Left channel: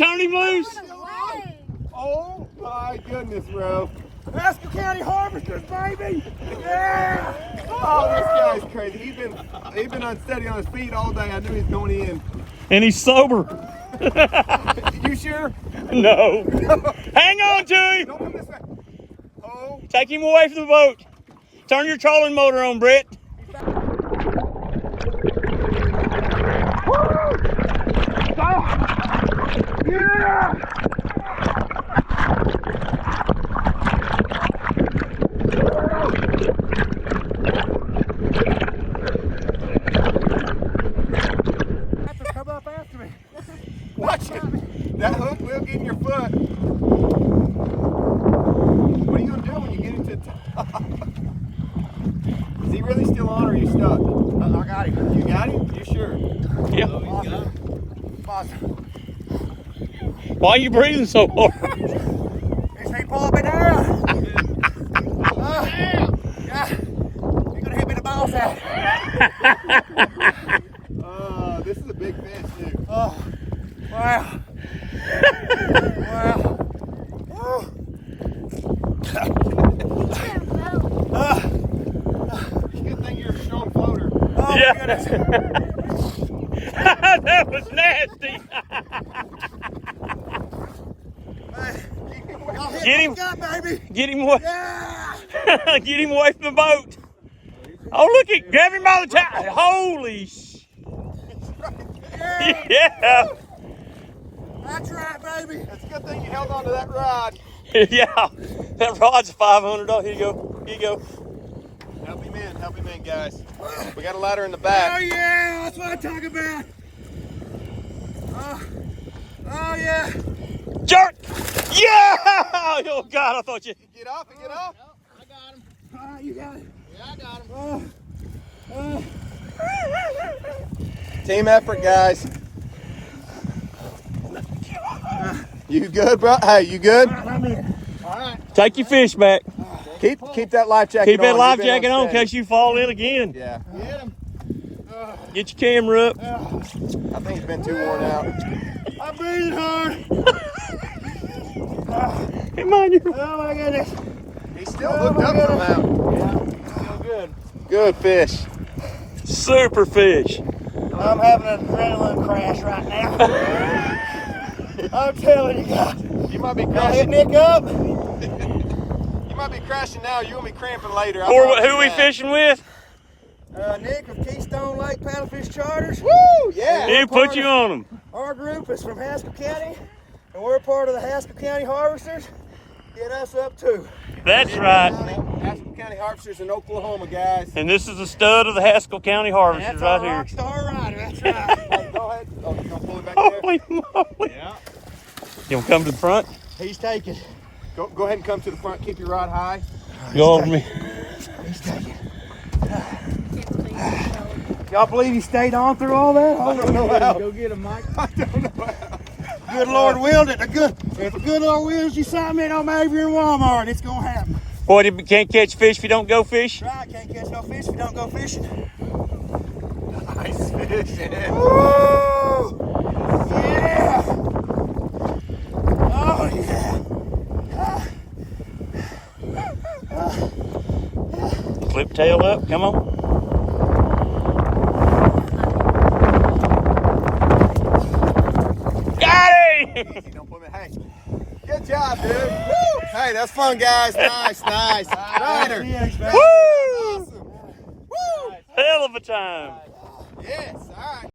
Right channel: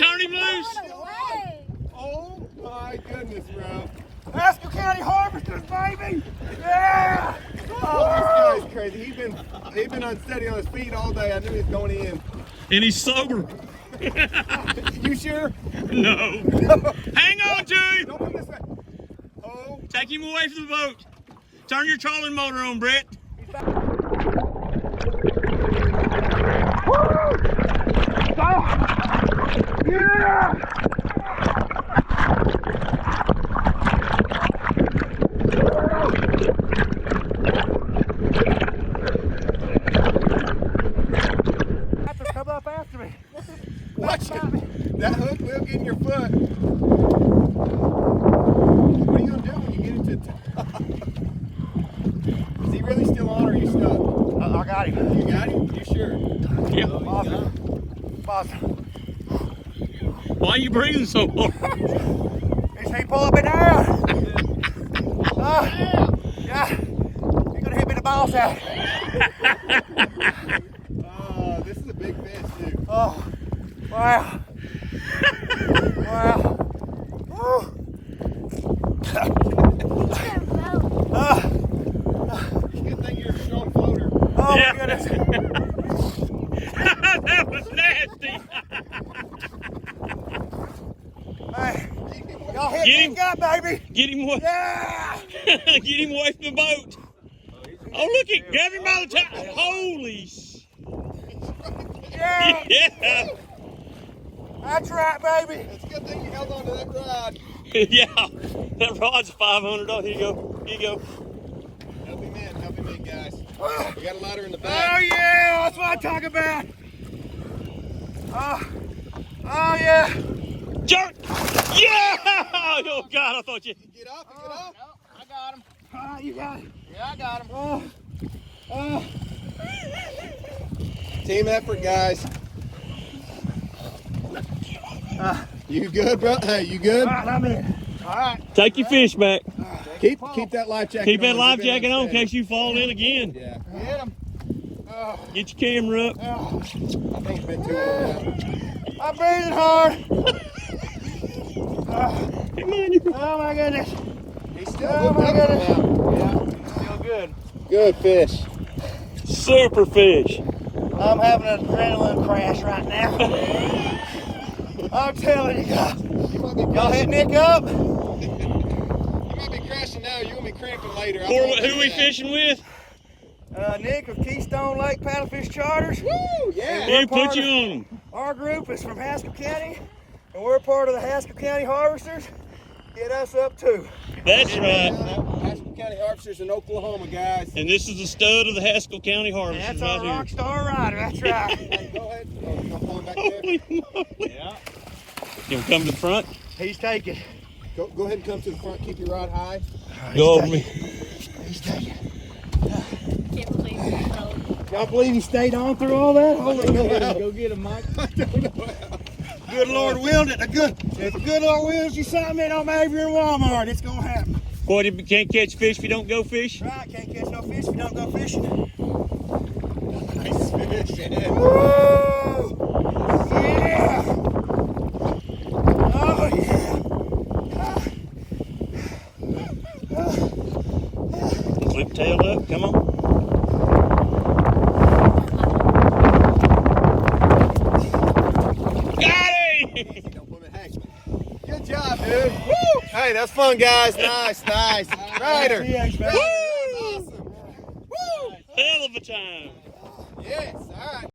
turn him loose. Oh my goodness, bro. Haskell County Harvesters, baby! Yeah! Oh, this guy's crazy. He's been unsteady on his feet all day. I knew he was going in. And he's sober. You sure? No. Hang on to him. Don't come this way. Oh. Take him away from the boat. Turn your trolling motor on, Brett. Yeah! Come up after me. Watch it. That hook will get in your foot. What are you gonna do when you get into the top? Is he really still on or are you stuck? I got him. You got him? You sure? Yeah. Awesome. Why are you breathing so hard? He say pull up and down. Yeah. You're gonna hit me in the ball sack. This is a big fish too. Oh, wow. Wow. Good thing you're a strong floater. Oh Yeah. my goodness. That was nasty. Hey, y'all hit Get me him. gut, baby. Get him away. Yeah. Get him away from the boat. Oh, look at, grab him by the tie. Holy Yeah. yeah. That's right, baby. It's a good thing you held on to that rod. Yeah. That rod's $500. Here you go. Here you go. Help him in, guys. We got a ladder in the back. Oh yeah, that's what I'm talking about. Oh yeah. Jerk. Yeah. Oh, God, I thought you. Get off and get off. No, I got him. You got it. Yeah, I got him. Team effort, guys. You good, bro? Hey, you good? I'm in. All right. Take your fish back. Keep that life jacket Keep on. that life Keep it jacket on in steady. case you fall in again. Yeah. Get him. Get your camera up. I think it's been too worn out. I'm breathing hard. Come on, you. Oh my goodness. He's still hooked up somehow. Yeah, still good. Good fish. Super fish. I'm having an adrenaline crash right now. I'm telling you guys. You might be Y'all hit crashing. Nick up? You might be crashing now. You're gonna be cramping later. Or who we fishing with? Nick of Keystone Lake Paddlefish Charters. Woo! Yeah. He put you on them. Our group is from Haskell County, and we're part of the Haskell County Harvesters. Get us up too. That's right. Haskell County Harvesters in Oklahoma, guys. And this is the stud of the Haskell County Harvesters That's right our here. rock star rider. That's right. Hey, go ahead. Oh, you gonna pull it back there? Holy moly. Yeah. You want to come to the front? He's taking. Go ahead and come to the front. Keep your rod high. Go over me. He's taking. Y'all believe he stayed on through all that? I don't know how. Go get him, Mike. I don't know how. Good Lord willed it. If the good Lord wills you something, I'm over here in Walmart. It's gonna happen. Boy, you can't catch fish if you don't go fish. Right? Can't catch no fish if you don't go fishing. Nice fish. Yeah. Woo! Yeah! Oh yeah! Flip tail up. Come on. Got him! Don't put me. Hey, good job, dude. Woo! Hey, that's fun, guys. Nice. Ryder. Woo! Awesome. Woo! Hell of a time. Yes. All right.